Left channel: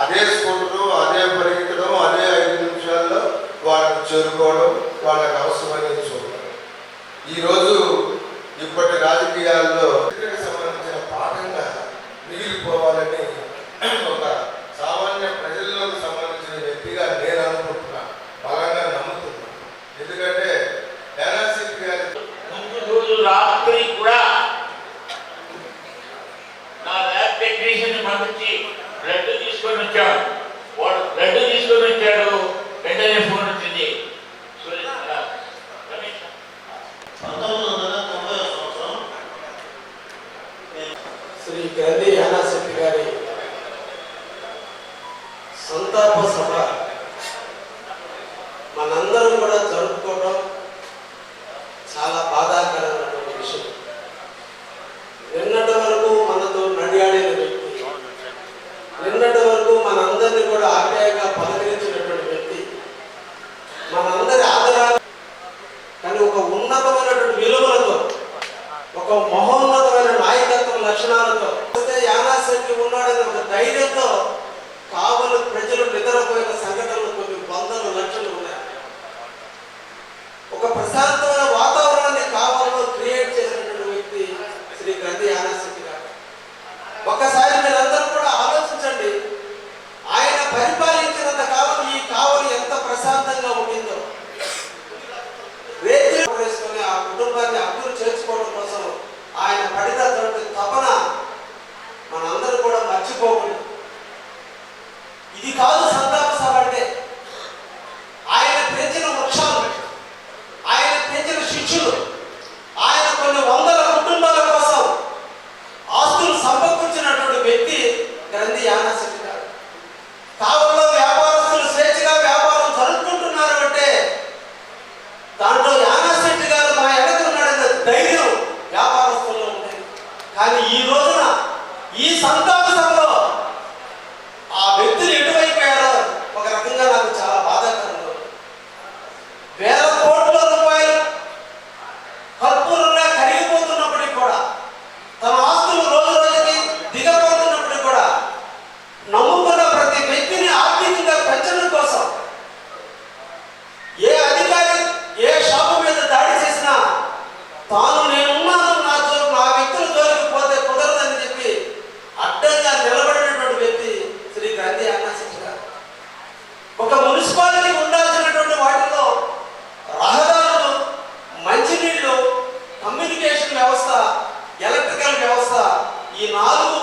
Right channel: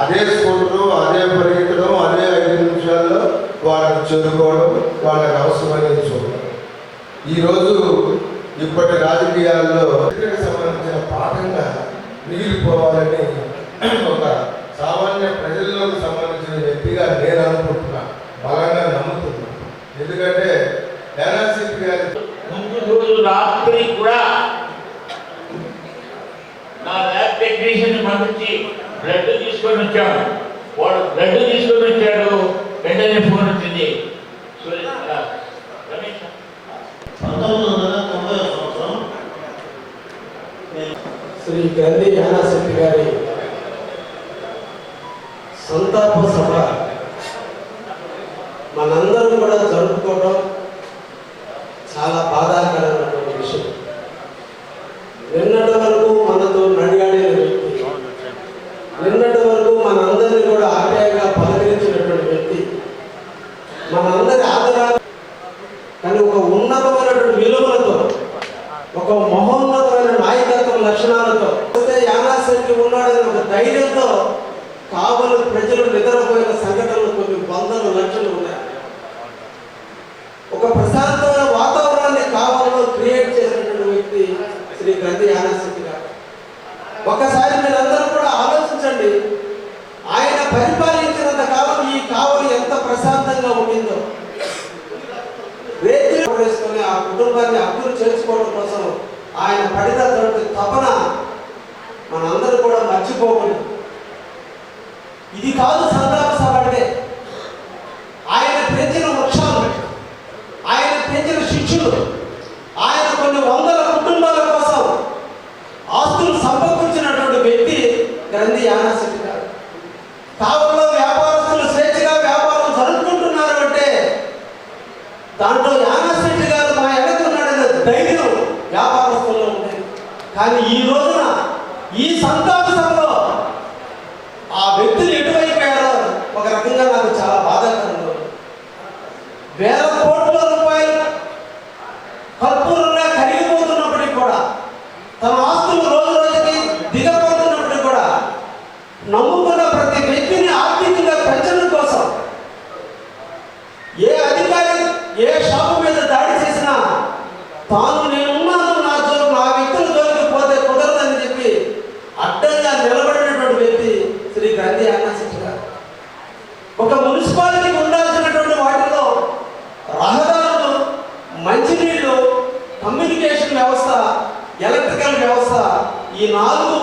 అదే స్కూటరు అదే పరిగెత్తడం అదే ఐదు నిమిషాల్లో వాళ్ళకు చేరుకోవడం వాళ్ళకి అవసరమని చూడడం ఈరోజు ఇప్పటి రాజకీయాల్లో సంబంధించిన పాఠంగా మిగిలిపోవాలని ఒక సామాన్య ప్రజల్లోకి సంబంధించిన వ్యక్తిగా నేను అనుకుంటున్నా. బలంగా నమ్ముతున్నాను ఎందుకంటే శ్రీ గంధి యానాశెట్టి గారి సంతాప సభ మనందరం కూడా జరుపుకోవడం ఇది కాదు సంతాప సభ అంటే. ఆయన పెంచిన వృక్షాలు ఆయన పెంచిన శిష్యులు ఆయన కొన్ని వందల కుటుంబాల కోసం ఆస్తులు సంపర్కించినటువంటి వ్యక్తి గ్రంథి యానసిద్ధారు కావులో వ్యాపారస్తులు స్వేచ్ఛగా వ్యాపారం జరుపుకుంటున్నారు అంటే దాంట్లో యానశెట్టి గారు మా ఎడకున్నాడన్న ధైర్యం వ్యాపారస్తుల్లో ఉండేది. కానీ ఈ రోజున ఈ సంతాప సభలో ఆ వ్యక్తి నమ్ముకున్న ప్రతి వ్యక్తిని ఆర్థికంగా పెంచడం కోసం ఏ అధికారి ఏ షాపు మీద దాడి చేసినా తాను నేనున్నాను నా జోరు నా వ్యక్తుల జోలికి పోతే కుదరదని చెప్పి అడ్డంగా నిలబడినటువంటి వ్యక్తి శ్రీ గాంధీ ఆకాశించిన ఒక మున్సిపాలిటీ ఉండాల్సినటువంటి వాటిలో రహదారులు మంచినీళ్ళు కమ్యూనికేషన్ వ్యవస్థ ఎలక్ట్రికల్ వ్యవస్థ ఈ నాలుగు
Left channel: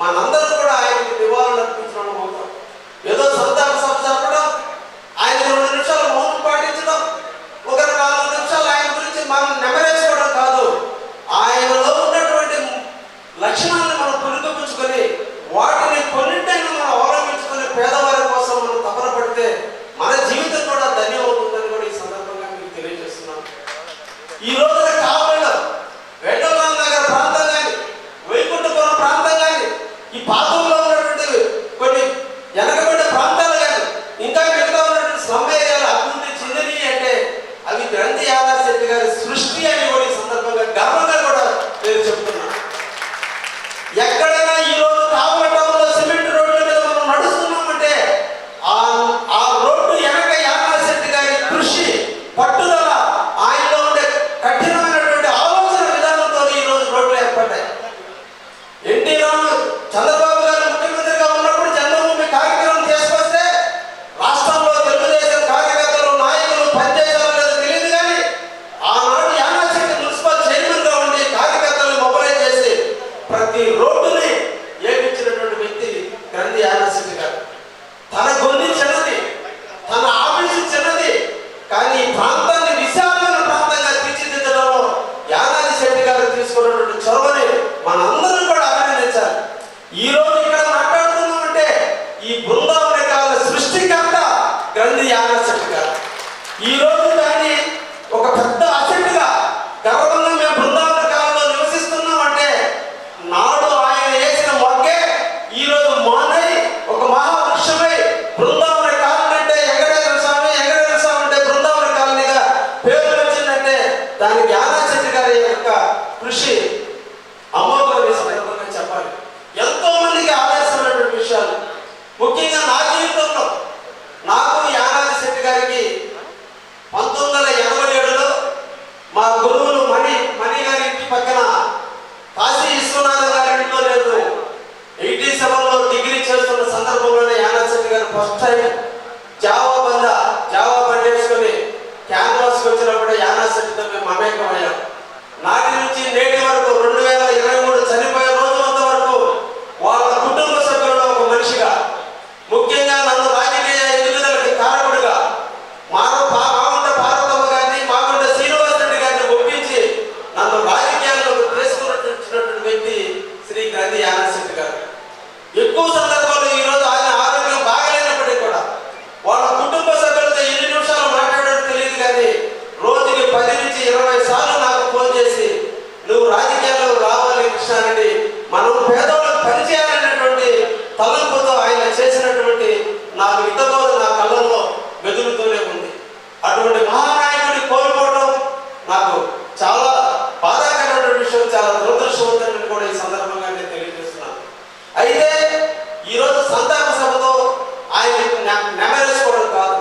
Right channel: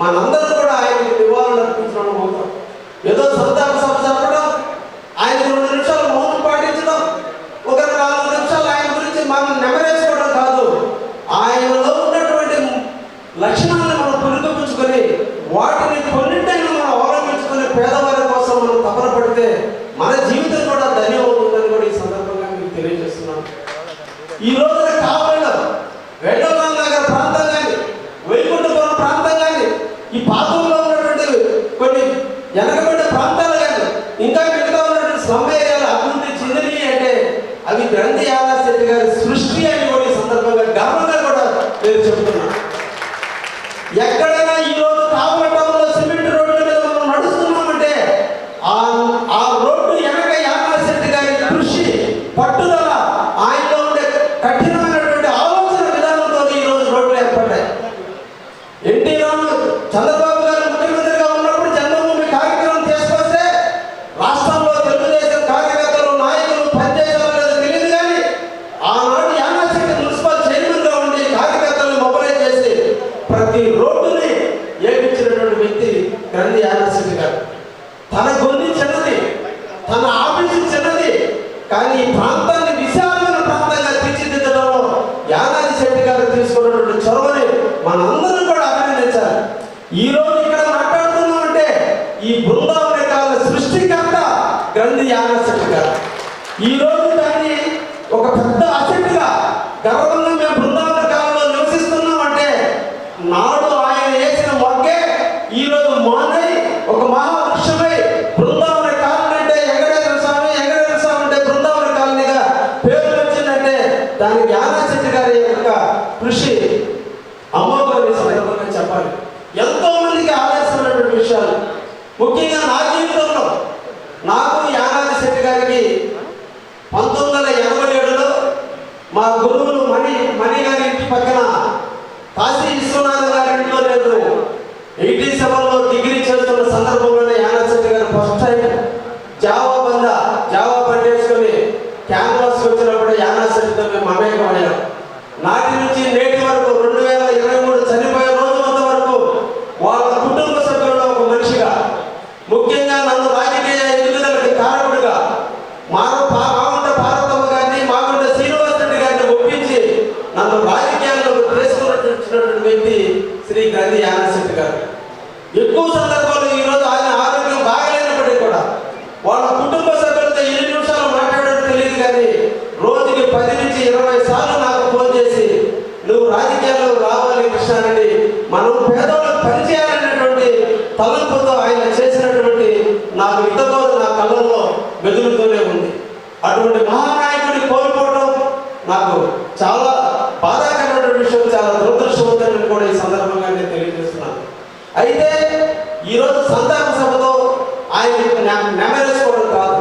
మనందరూ కూడా ఆయనకు నివారణ అర్పించడం ఏదో సొంత గురువులు మణి మణి గారి ఇంటి పక్కన కాశీ విశ్వనాథ గారి ఇంట్లో లేదు. ఐటీ సెవెన్లో డిగ్రీ చేస్తున్న సందర్భంలోనే యానాశెట్టి గారు ఫస్ట్ టైం జావా బంద జావా పనిచేసుకొని క్యాన్వాస్కి వచ్చినప్పుడు యానాశెట్టితో మేము మమేకమయ్యాం. నాటి నుంచి నేటి వరకు రెండు వేల ఇరవై మూడు చనిపోయే రోజు వరకు వాళ్ళ కుటుంబ సభ్యుల్లో ఒక మనిషిగా ముఖ్యంగా అయితే ఈరోజు సంతాప సభతో ఆయన నెమరేసుకోవడం కాదు.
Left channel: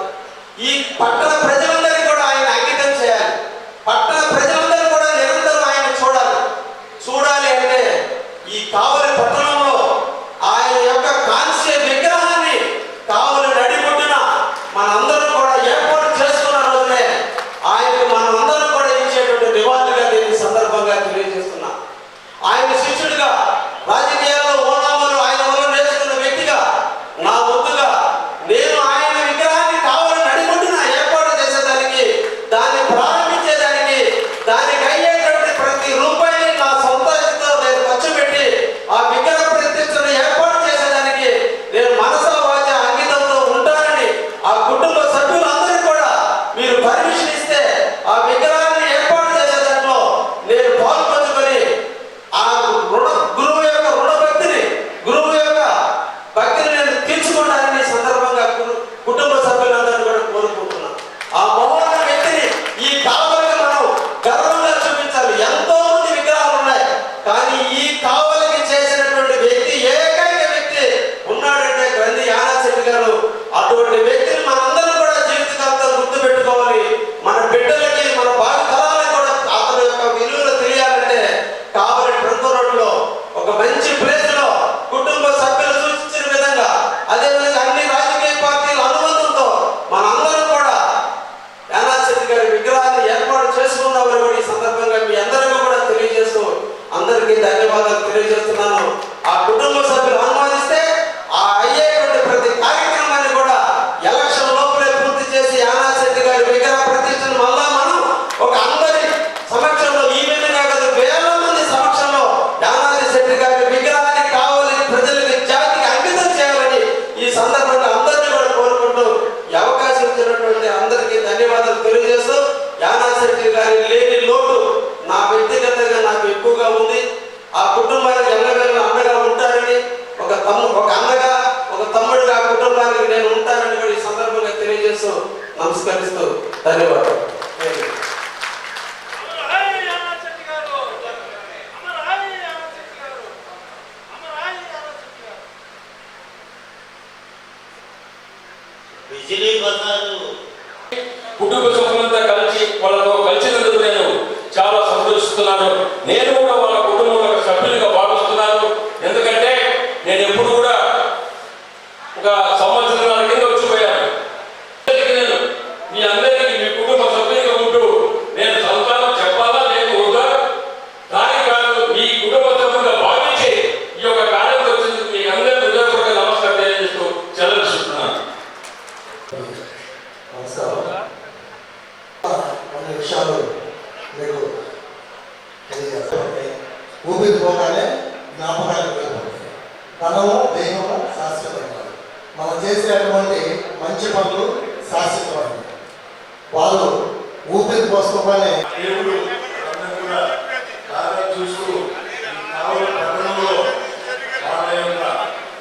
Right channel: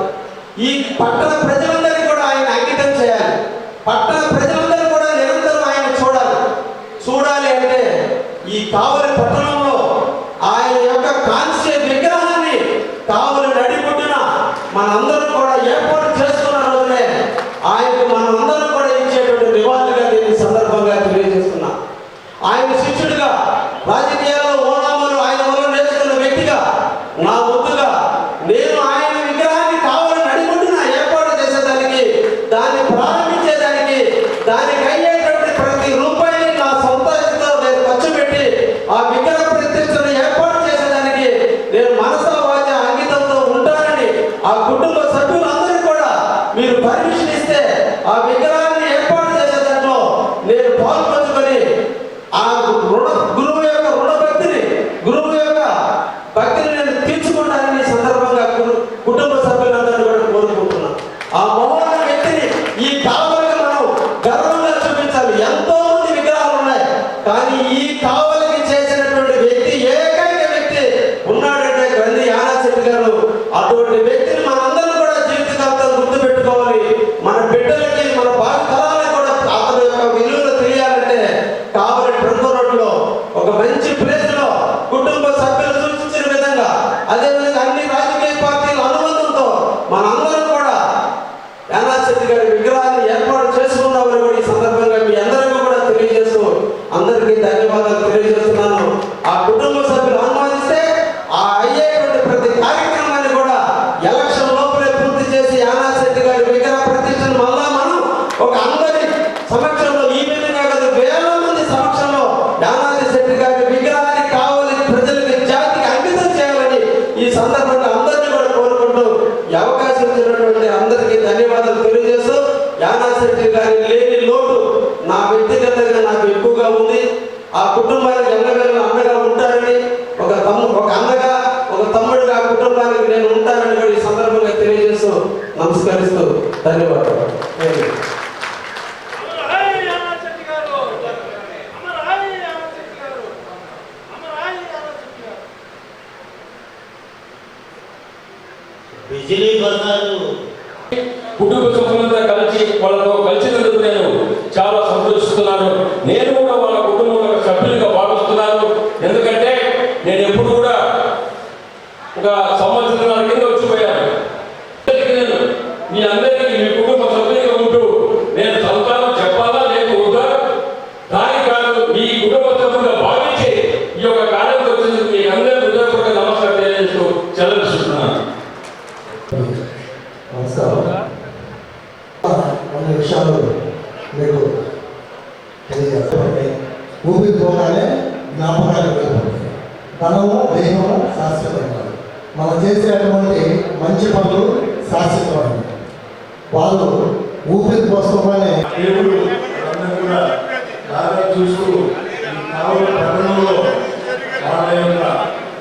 ఈ పట్టణ ప్రజలు ప్రతి కార్యక్రమాన్ని కూడా ఎలక్షన్ లోపలే పూర్తి చేసి యానా యానాశెట్టి గారి విగ్రహ ప్రతిష్టను మళ్ళా మనం ఒక అందరి సమక్షంలో ఈ విధంగా కాదు వేల మంది సమక్షంలో యానాది శెట్టి గారి విగ్రహానికి కావాలి ప్రజలకు జాతికి అంకితం చేయాలని ఈ సందర్భంగా అందరినీ కూడా కోరుకుంటూ ఈ అవకాశం ఇచ్చినటువంటి అందరికీ ధన్యవాదాలు తెలియజేస్తూ యానా యానాశెట్టి గారి లేని లోటు నా వ్యక్తిగతంగా నాకు ఎక్కువగా ఉంది. ఆ కుటుంబానికి ఎల్లవేళ అండగా ఉంటారని ఒక తమ్ము ఒక నమస్కరిస్తూ ధన్యవాదాలు. కుటుంబ సభ్యులంతా కలిసి వాళ్ళతో కలిసినందుకు నేను చాలా సంతోషిస్తున్నాను. నేను ధనము దేహము శాశ్వతమైనది మనం చేసేటువంటి మంచి పనులు శాశ్వతమైనవి. వాళ్ళు ఊపిరి కోసమనే దేవుడు అందరూ కూడా బాగా చూస్తూ కావుల పట్టణంలో వాళ్ళ యొక్క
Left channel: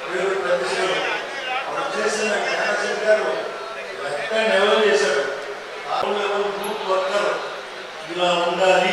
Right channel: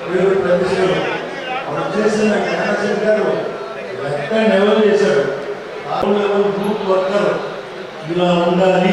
పేరు ప్రతిష్టలు. చేసిన జ్ఞానశేఖర్ గారు లెక్క నెలలు చేశారు. ఆరు నెలలు గ్రూప్ వర్కర్ ఇలా ఉండాలి.